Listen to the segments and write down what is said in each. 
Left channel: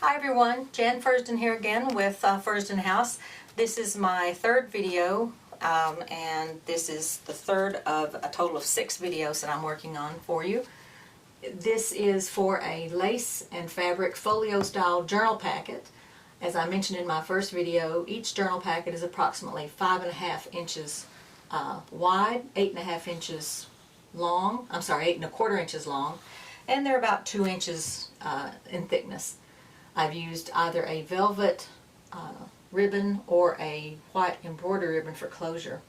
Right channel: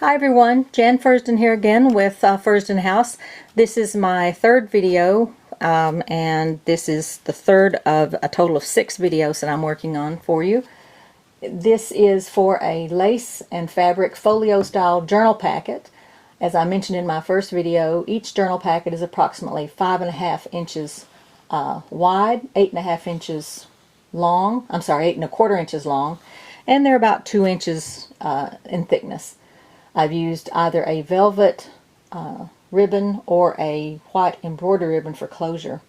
Hi everyone, Jan Fursdon here again with Fursdon House. This is my third video and this is the third of a total of 6 videos that I'm working on for you. This is for a lace and fabric folio style journal packet. As I mentioned in my first video, each journal packet is approximately 5.5 inches wide, 8.5 inches long, 8.25 inches long, and they're about 2 inches in thickness. I've used either a velvet ribbon or a white embroidery ribbon for closure.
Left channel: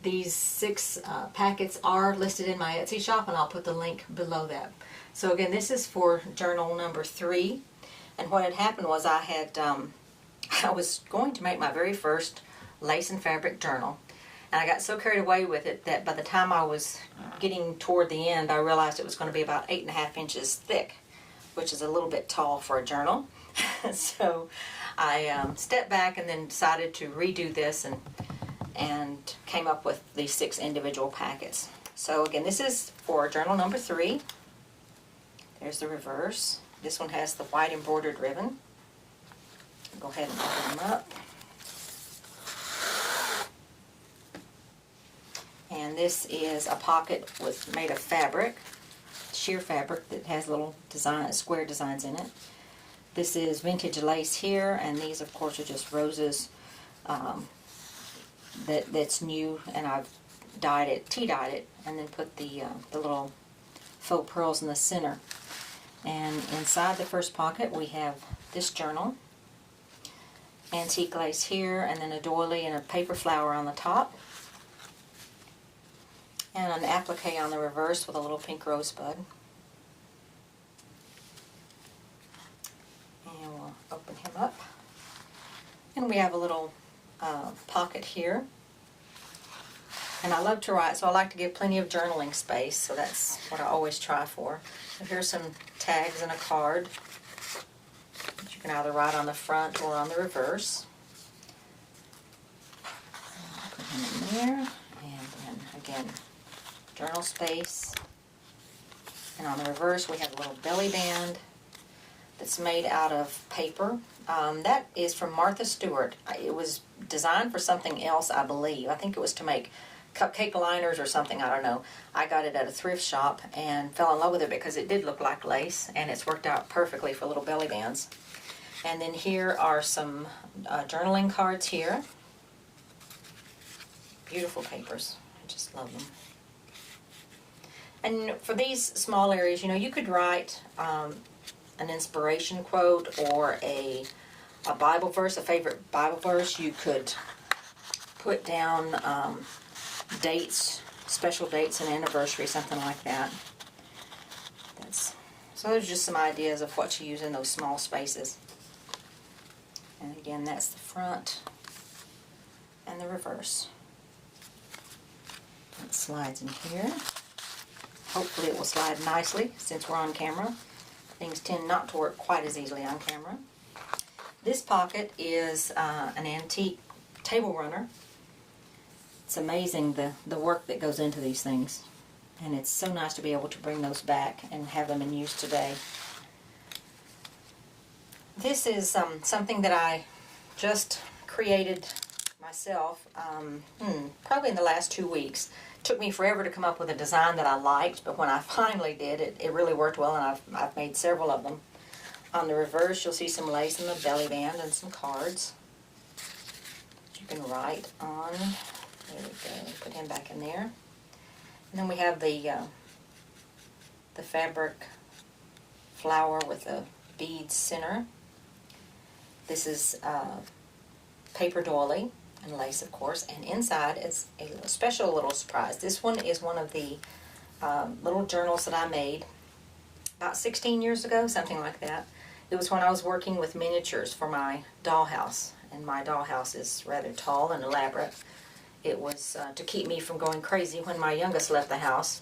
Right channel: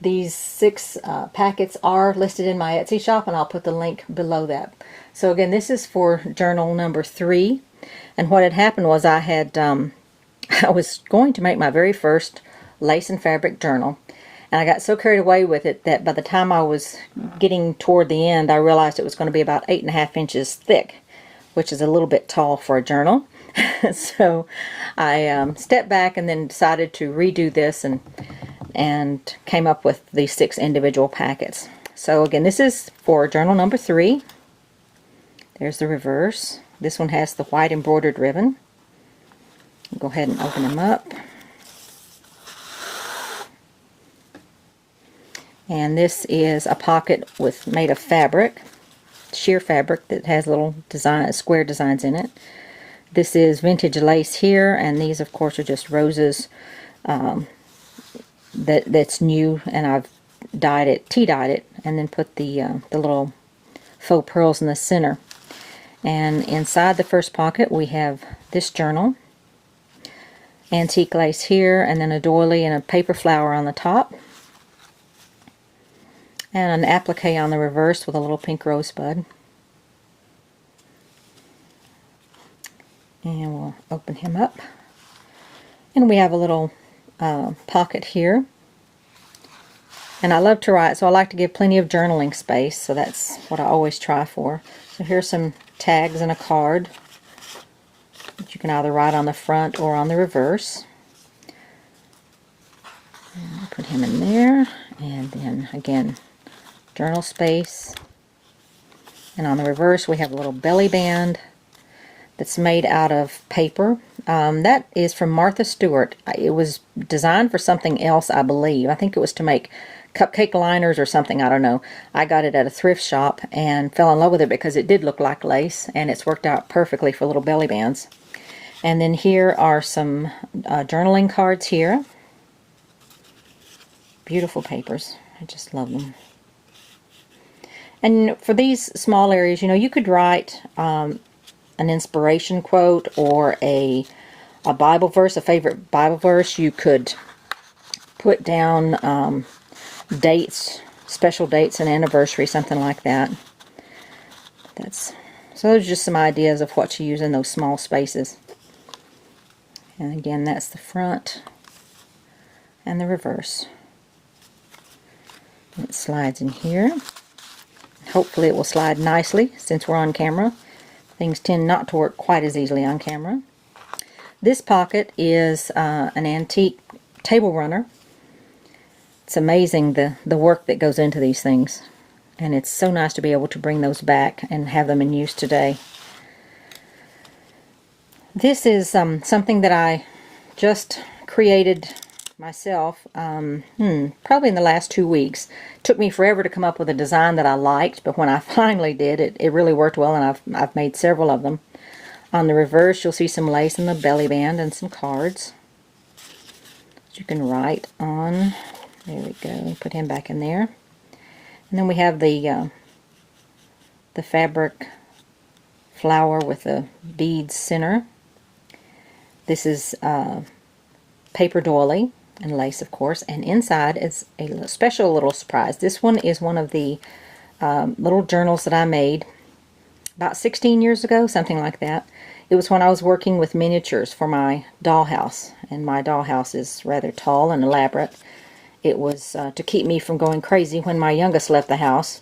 These 6 packets are listed in my Etsy shop, and I'll put the link below that. So again, this is for journal number 3, and what had happened was I was going to make my very first lace and fabric journal, and I got so carried away with it that by the time I was getting toward the end, I realized it was going to be about 8.5 inches thick, which is a little bit tall for a journal. So I stepped back and then decided to redo this and came up with these 6 individual packets. So again, this is for journal number 3. There's the reverse. This one has the white embroidered ribbon. I'll go ahead and open them up. And this is a pocket made of fabric, sheer fabric that has little square designs in it. This is vintage lace here, and these of course are just roses that's new, and I've tea-dyed it, and then put the little faux pearls in the center. And inside the first pocket we have this journal, antique lace here, and then a doily and a paper flower on the top, and an applique on the reverse with a little pink rosebud. And we'll open him up. And we have a little pocket here. And I love to write, so I like to give plenty of journaling space, so that's what I always try for. So here's some tags and a card that you can either write on the front or on the reverse. And I'll put him in there, and then again, journal space. And on the reverse we have a little belly band that's made out of paper. That is from Martha Stewart. It was designed for something else, I believe. I think it was to make cupcake liners or something, I don't know. I got it at a thrift shop and fell in love with it because it did look like lace, and it's worked out perfectly for little belly bands. And then here are some journaling cards here. Beautiful papers. I just love them. And for these small areas, you could write an inspiration quote or a Bible verse, a favorite Bible verse. You could put down dates, special dates, and anniversary, something like that. So those are just some ideas of what to use in those small spaces. And again, that's the front and the reverse. It slides in here. Hopefully it will slide nicely since we're on camera. Things tend not to work quite as easily on camera. This pocket is an antique table runner. It's amazing the work that goes into these things, and it's so nice to be able to bring those back and have them in use today. This is something that I just created myself probably in the last 2 weeks. It took me forever to come up with a design that I liked, but when I finally did, it really worked well, and I've made several of them. On the reverse, you'll see some lace in the belly band and some cards that you can write on. There we go. Put him back in there. And then we have the fabric flower with the beads center. This is paper doily and lace, of course, and inside is a special little surprise. This one is one of the little journals that I made about 16 years ago, something like that. It was when I was working with miniatures for my dollhouse, and my dollhouse is rather tall and elaborate. It was to keep me from going crazy when my youngest left the house,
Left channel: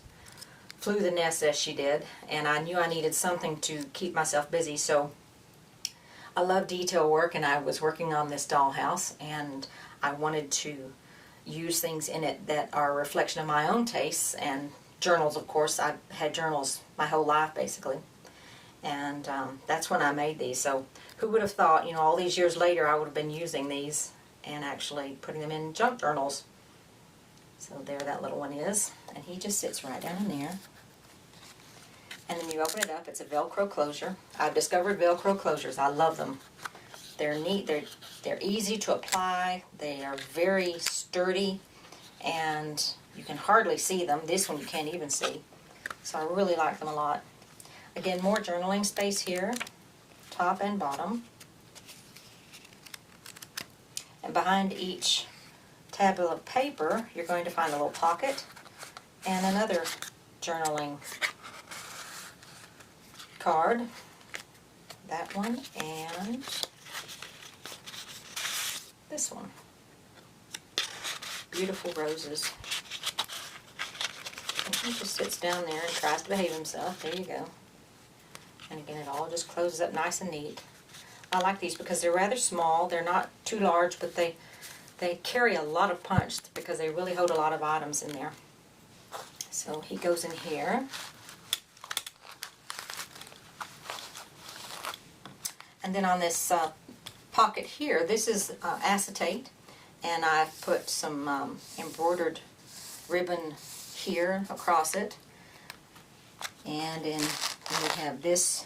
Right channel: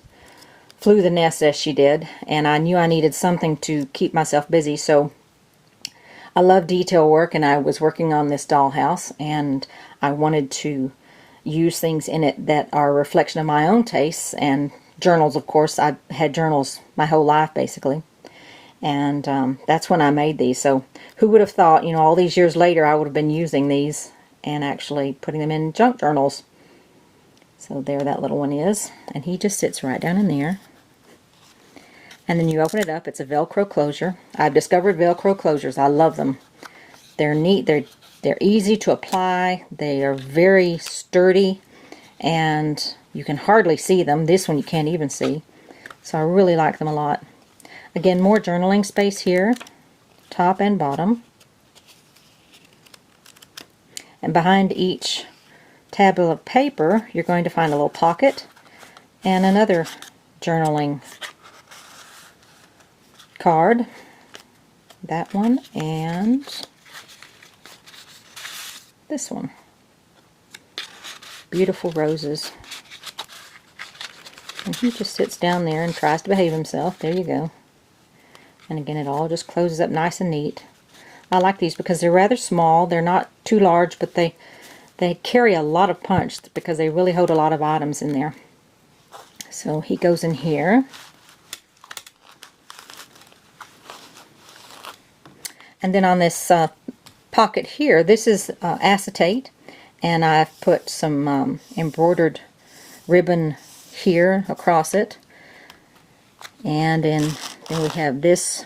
flew the nest as she did, and I knew I needed something to keep myself busy, so I love detail work, and I was working on this dollhouse, and I wanted to use things in it that are a reflection of my own tastes, and journals, of course. I've had journals my whole life, basically. And that's when I made these. So who would have thought, you know, all these years later I would have been using these and actually putting them in junk journals. So there that little one is, and he just sits right down in there. And then you open it up. It's a Velcro closure. I've discovered Velcro closures. I love them. They're neat. They're easy to apply. They are very sturdy, and you can hardly see them. This one you can't even see. So I really like them a lot. Again, more journaling space here, top and bottom. And behind each tablet of paper, you're going to find a little pocket and another journaling card. That one and this one. Beautiful roses. And he just sits down there and tries to behave himself. There you go. And again, it all just closes up nice and neat. I like these because they're rather small. They're not too large, but they carry a lot of punch because they really hold a lot of items in there. So he goes in here. And then on this pocket here, this is acetate, and I've put some embroidered ribbon here across it. And then we have this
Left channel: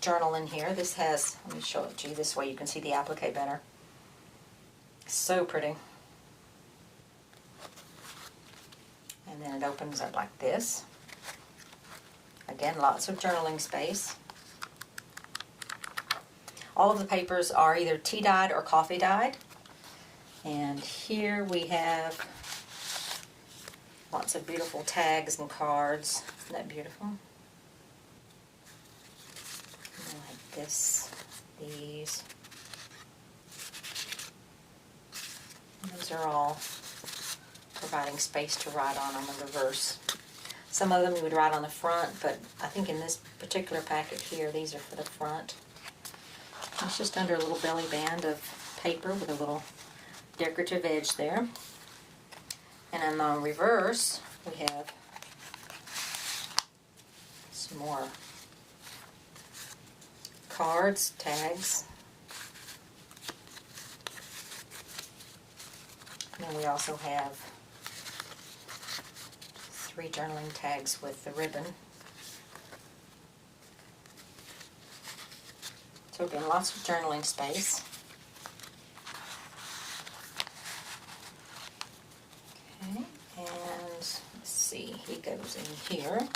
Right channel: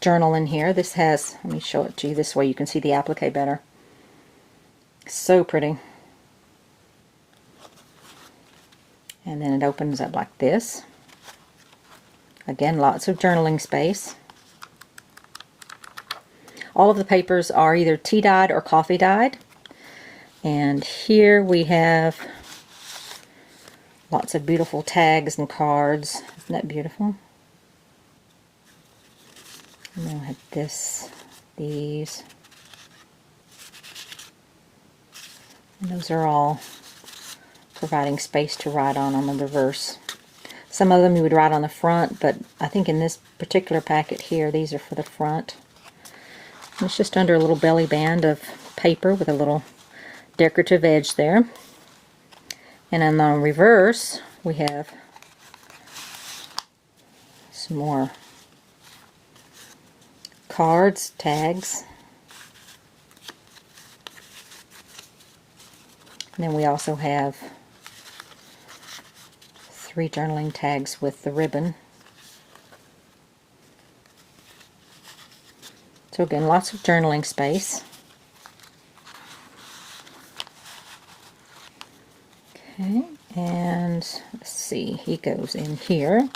journal in here. This has, let me show it to you this way you can see the applique better. So pretty. And then it opens up like this. Again, lots of journaling space. All of the papers are either tea dyed or coffee dyed. And here we have lots of beautiful tags and cards. Isn't that beautiful? And then we'll have this, these. And those are all providing space to write on the reverse. Some of them you would write on the front, but I think in this particular packet here, these are for the front. It's just under a little belly band of paper with a little decorative edge there. And on the reverse, we have some more cards, tags. And then we also have 3 journaling tags with the ribbon. So again, lots of journaling space. Okay, and let's see, he goes in here.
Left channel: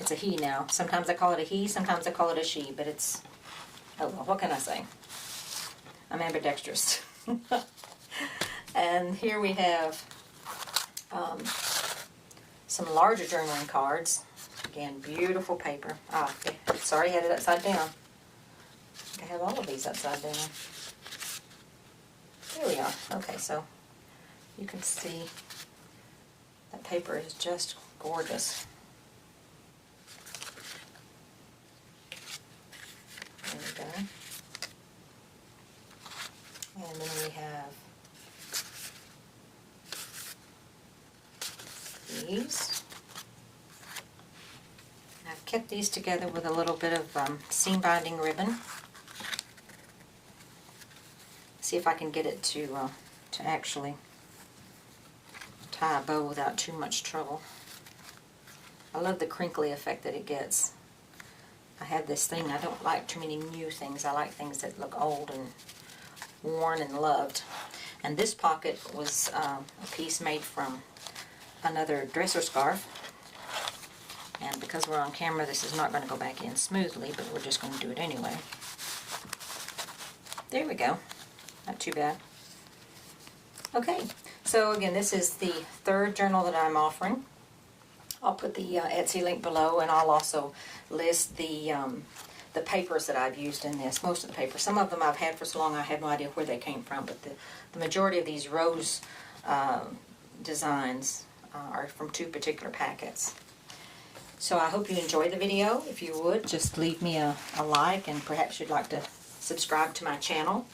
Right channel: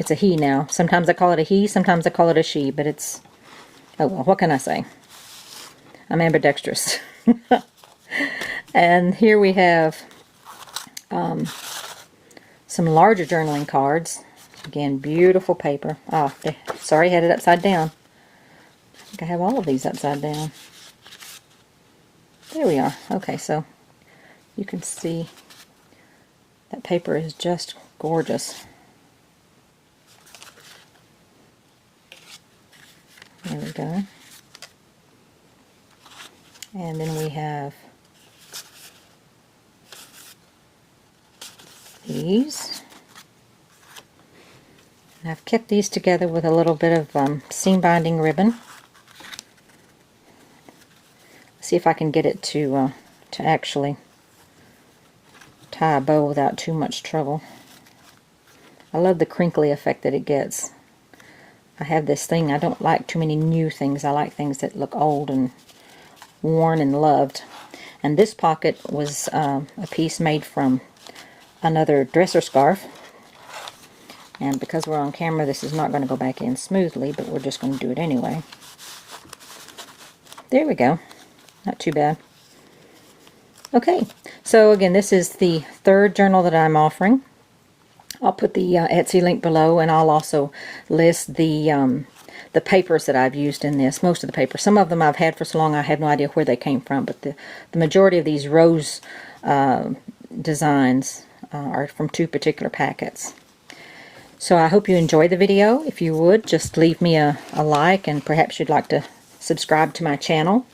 It's a he now. Sometimes I call it a he, sometimes I call it a she, but it's, oh well, what can I say? I'm ambidextrous. And here we have some larger journaling cards. Again, beautiful paper. Oh, sorry, I had it upside down. I think I have all of these upside down. There we are. Okay, so you can see that paper is just gorgeous. There we go. And then we have these. And I've kept these together with a little bit of seam binding ribbon. See if I can get it to actually tie a bow without too much trouble. I love the crinkly effect that it gets. I have this thing, I don't like too many new things. I like things that look old and worn and loved. And this pocket was a piece made from another dresser scarf. And because we're on camera, this is not going to go back in smoothly, but we're just going to do it anyway. There we go. Not too bad. Okay, so again, this is the 3rd journal that I'm offering. I'll put the Etsy link below, and I'll also list the papers that I've used in this. Most of the papers. Some of them I've had for so long I have no idea where they came from, but the majority of these rose designs are from 2 particular packets. So I hope you enjoyed the video. If you would, just leave me a like, and perhaps you'd like to subscribe to my channel.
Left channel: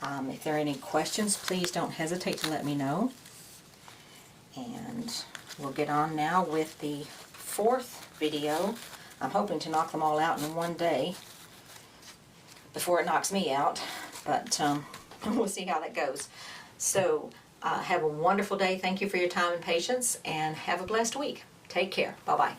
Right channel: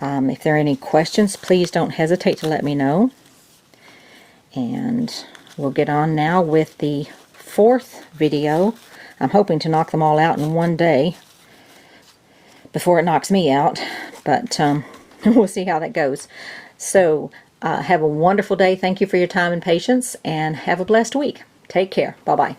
If there are any questions, please don't hesitate to let me know. And we'll get on now with the 4th video I'm hoping to knock them all out in one day before it knocks me out, but we'll see how that goes. So have a wonderful day. Thank you for your time and patience, and have a blessed week. Take care. Bye-bye.